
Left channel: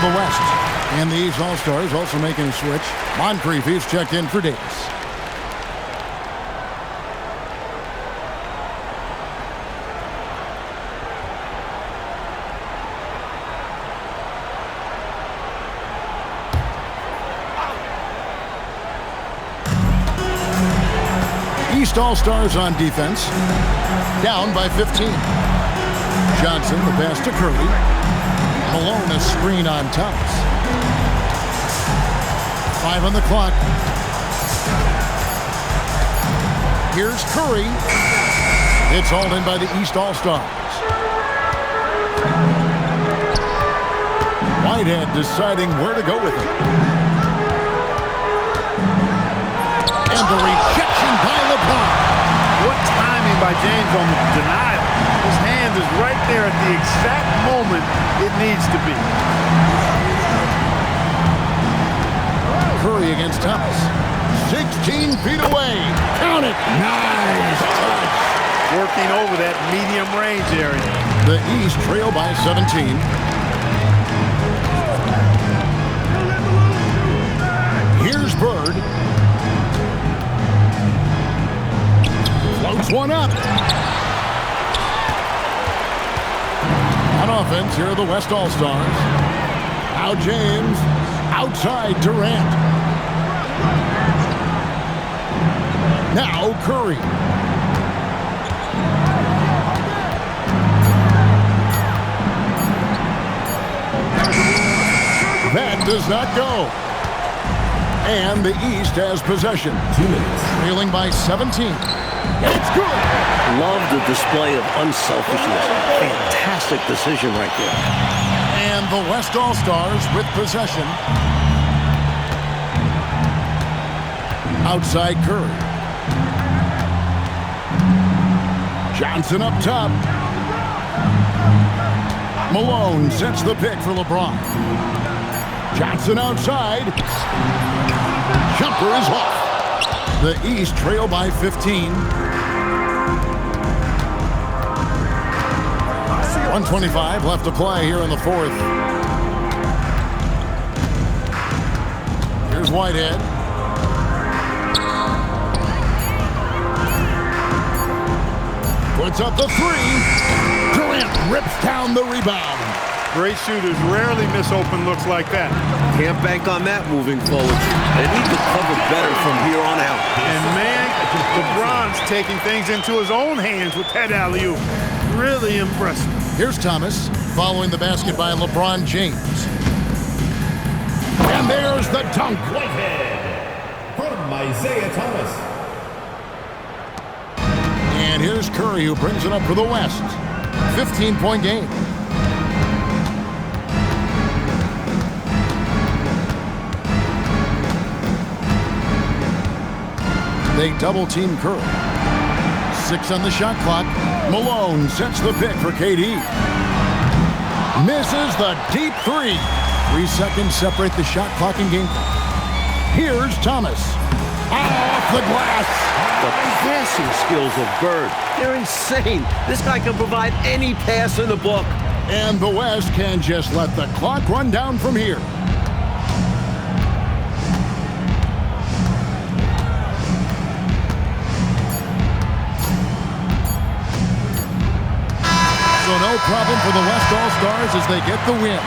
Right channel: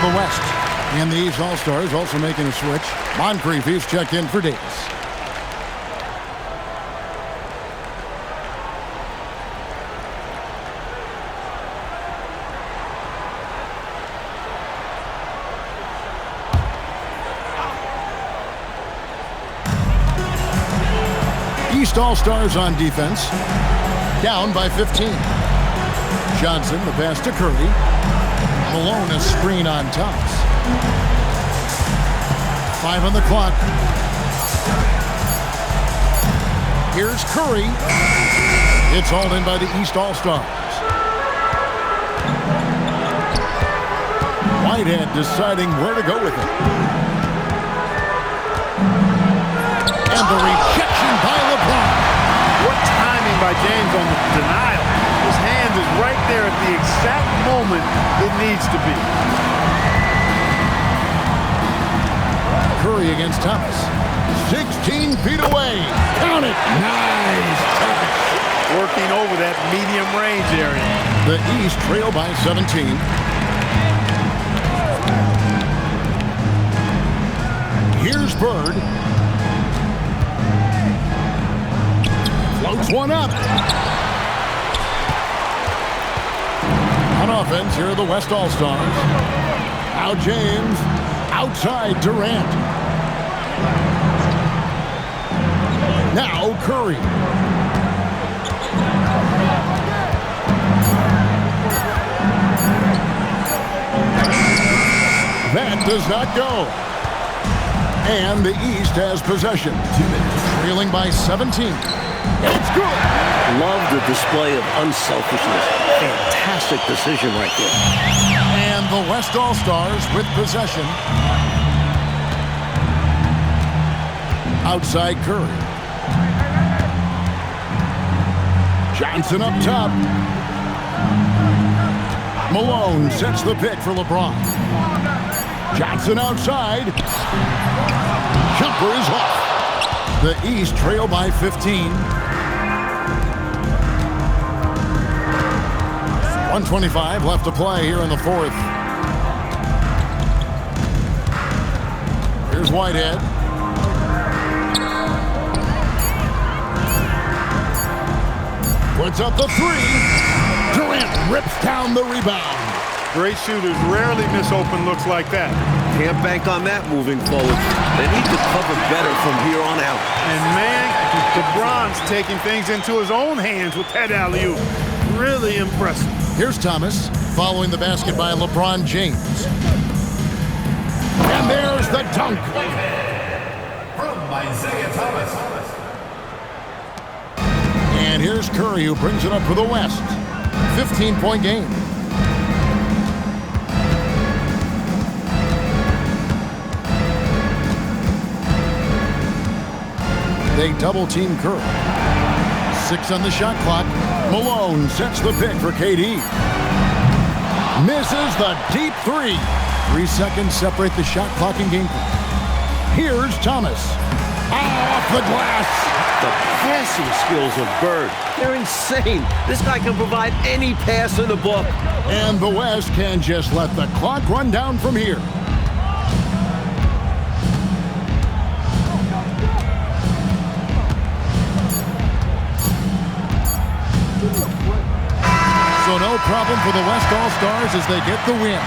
for the West. And the East All-Stars also making a switch. Moncrief is checked in for Davis. East All-Stars on defense. Down by 15. Johnson, the pass to Curry. Malone, a screen on Thomas. 5 on the clock. Here's Curry. It's hauled in by the East All-Stars. Whitehead deciding where to go with it. And the rejection by LeBron. What timing by James on the denial. His hand is right there at the exact moment it needs to be. Curry against Thomas. 16 feet away. Count it. Nice touch. Working over that medium range area. The East trail by 17. Here's Bird. Floats one up. On offense, here are the West All-Stars. Now James. Outside Durant. Now Curry. That does not go. And the East has possession. 2 minutes. Trailing by 17. It's good. Love the display of unselfishness. Fantastic decision right there. And the West All-Stars with possession. Outside Curry. Johnson up top. Malone sets the pick for LeBron. Johnson outside. Jumper is off. The East trail by 15. 1:25 left to play here in the fourth. Here's Whitehead. Puts up the three. Durant rips down the rebound. Great shooters rarely miss open looks like that. Can't bank on that moving forward. They need to cover better from here on out. And man, LeBron's taking things into his own hands with that alley-oop. Really impressive. Here's Thomas following the basket by LeBron James. And there's the dunk. From Isaiah Thomas. And here's Curry, who brings it up for the West. 15-point game. They double-team Curry. 6 on the shot clock. Malone sets the pick for KD. Misses the deep three. 3 seconds separate the shot clock and game clock. Here's Thomas. Off the glass. The passing skills of Bird, they're insane. This guy can provide any pass in the book. And the West can just let the clock run down from here. So no problem for the West All-Stars as they get the win.